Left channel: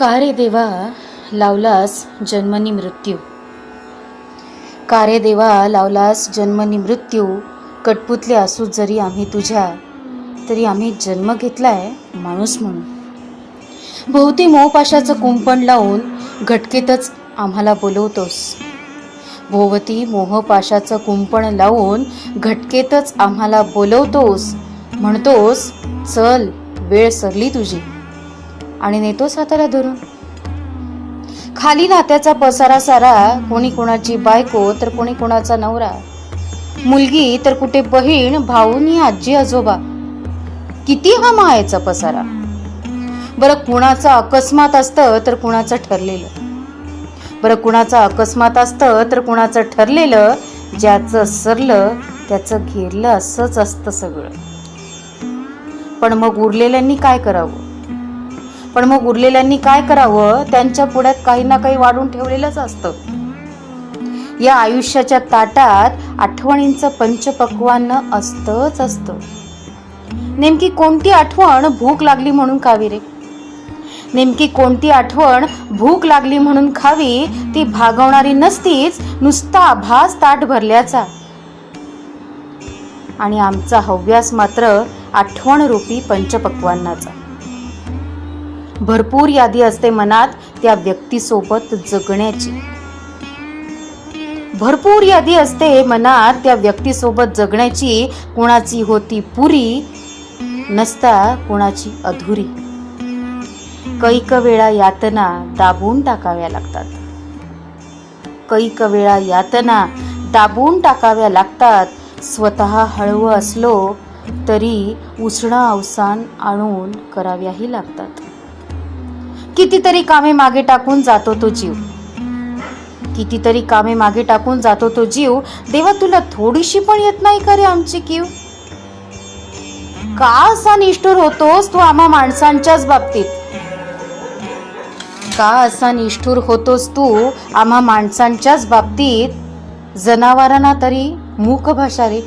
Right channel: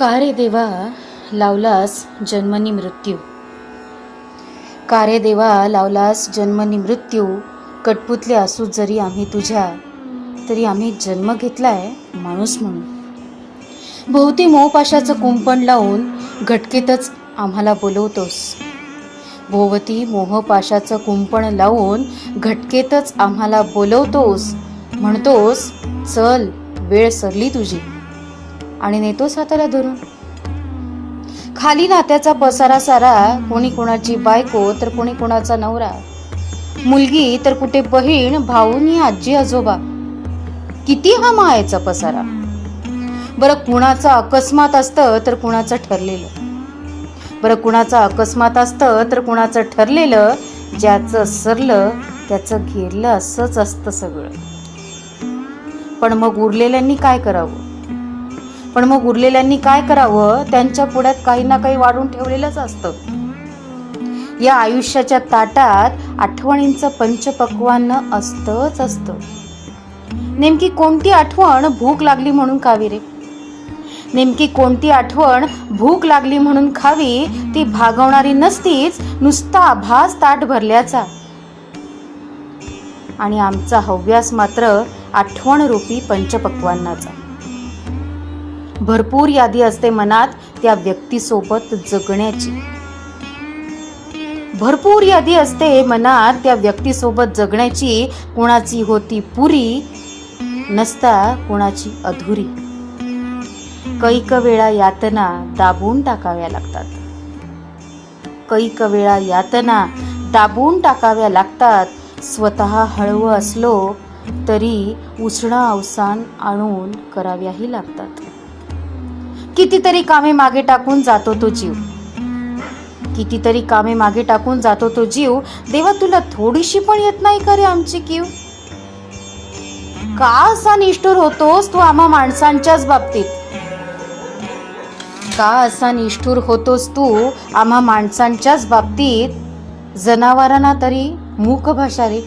का रे देवा लावलास जन्मनी मृत्यू, का रे देवा लावलास जन्मनी मृत्यू. कटपुतले असू जरी आम्ही तुझ्या, तरी आम्ही जन्म घेतलाय माणूस म्हणून. भोवती मोहपाशाचं कुंपण लावून घटकेतच आम्हाला बोलवतोस. भोवती मोहपाशाचं कुंपण लावून घटकेतच आम्हाला बोलवतोस. म्हणतोस चल वेळ सरली तुझी, आणि नेतोस हाताला धरून. खाली नात्याचा पसारा सारा, कोणी कोणाची बायको तर कोणी कोणाचा नवरा, मुलगी तर कुठे बहीण, भाऊनी आजी आजोबा. किती हा मायेचा पसारा. बरं कुणाचा अकस्मात असतं तर कुणाचं ठरलेलं, बरं कुणाचा अकस्मात असतं तर कुणाचं ठरलेलं. ज्याचं सरलं त्याचं घेरलं असंच असतं सगळं. पण मग उरलेल्यांनी काय करावं, पण मग उरलेल्यांनी काय करावं. त्यांच्या पुढ्यात काही ना काही वाढून ठेवलेलंच असतं. या आयुष्याच्या ताटात आठवणींचं पंचपक्वान्न असतंच असतं. नेमकी कोणती आठवण भूक लागली म्हणून खावी रे, नेमकी कोणती आठवण भूक लागली म्हणून खावी. ती भागवणारी नसतीच, नुसता आभास ताट भरल्याचा. आणि आमचा हव्यास मात्र आठवण रूपी पंचपक्वान्नाचा. भरपूर यादी असते मनात त्या व्यक्तीसोबत जगण्याची, भरपूर यादी असते मनात त्या व्यक्तीसोबत जगण्याची. कुणाची होती पुरी, नसता कुणाची अधुरी. कैक वेळा यातना दाबून टाकाव्या लागतात, कैक वेळा यातना दाबून टाकाव्या लागतात. स्वतः हळवं असलो तरी उष्ण अवसान आणून कराव्याही लागतात. कितीतरी कामे मागे टाकून जातो तो जीव, कितीतरी कामे मागे टाकून जातो तो जीव. देवा तुला थोडीशी पण येत नाही का रे आमची कीव. का असा निष्ठुर होतोस तू आम्हा माणसांच्याच बाबतीत, का असा निष्ठुर होतोस तू आम्हा माणसांच्याच बाबतीत. जनावरांना तरी मूक भाषा रे,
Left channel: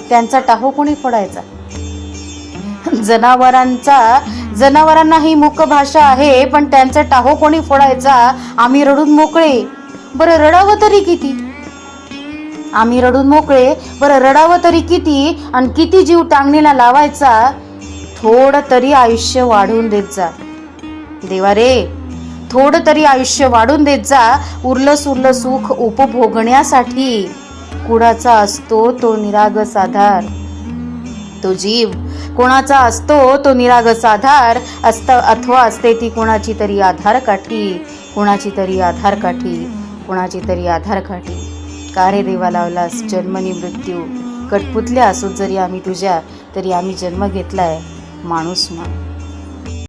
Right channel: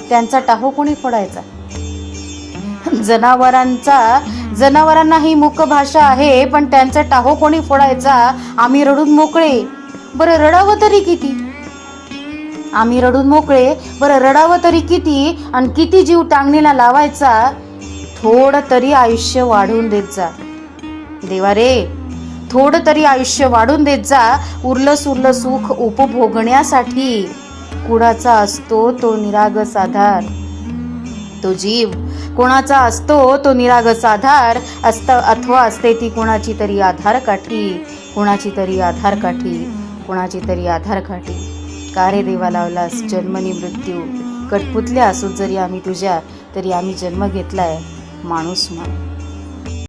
त्यांचा टाहो कोणी फोडायचा. जनावरांनाही मूक भाषा आहे, पण त्यांचा टाहो कोणी फोडायचा. आम्ही रडून मोकळे, बरं रडावं तरी किती. आम्ही रडून मोकळे, बरं रडावं तरी किती. आणि किती जीव टांगणीला लावायचा. थोडं तरी आयुष्य वाढवून देत जा देवा रे, थोडं तरी आयुष्य वाढून देत जा. उरलं सुरलं सुख उपभोगण्यासाठी कुणाचा असतो तो निरागस आधार. तो जीव कोणाचा असतो तो निरागस आधार अथवा असते ती कोणाची तरी आधार काठी, कोणाची तरी आधार काठी, कोणाची तरी आधार काठी. का रे देवा लावलास जन्मनी मृत्यू. कटपुतल्या असू जरी आम्ही तुझ्या, तरी आम्ही जन्म घेतलाय माणूस म्हणून.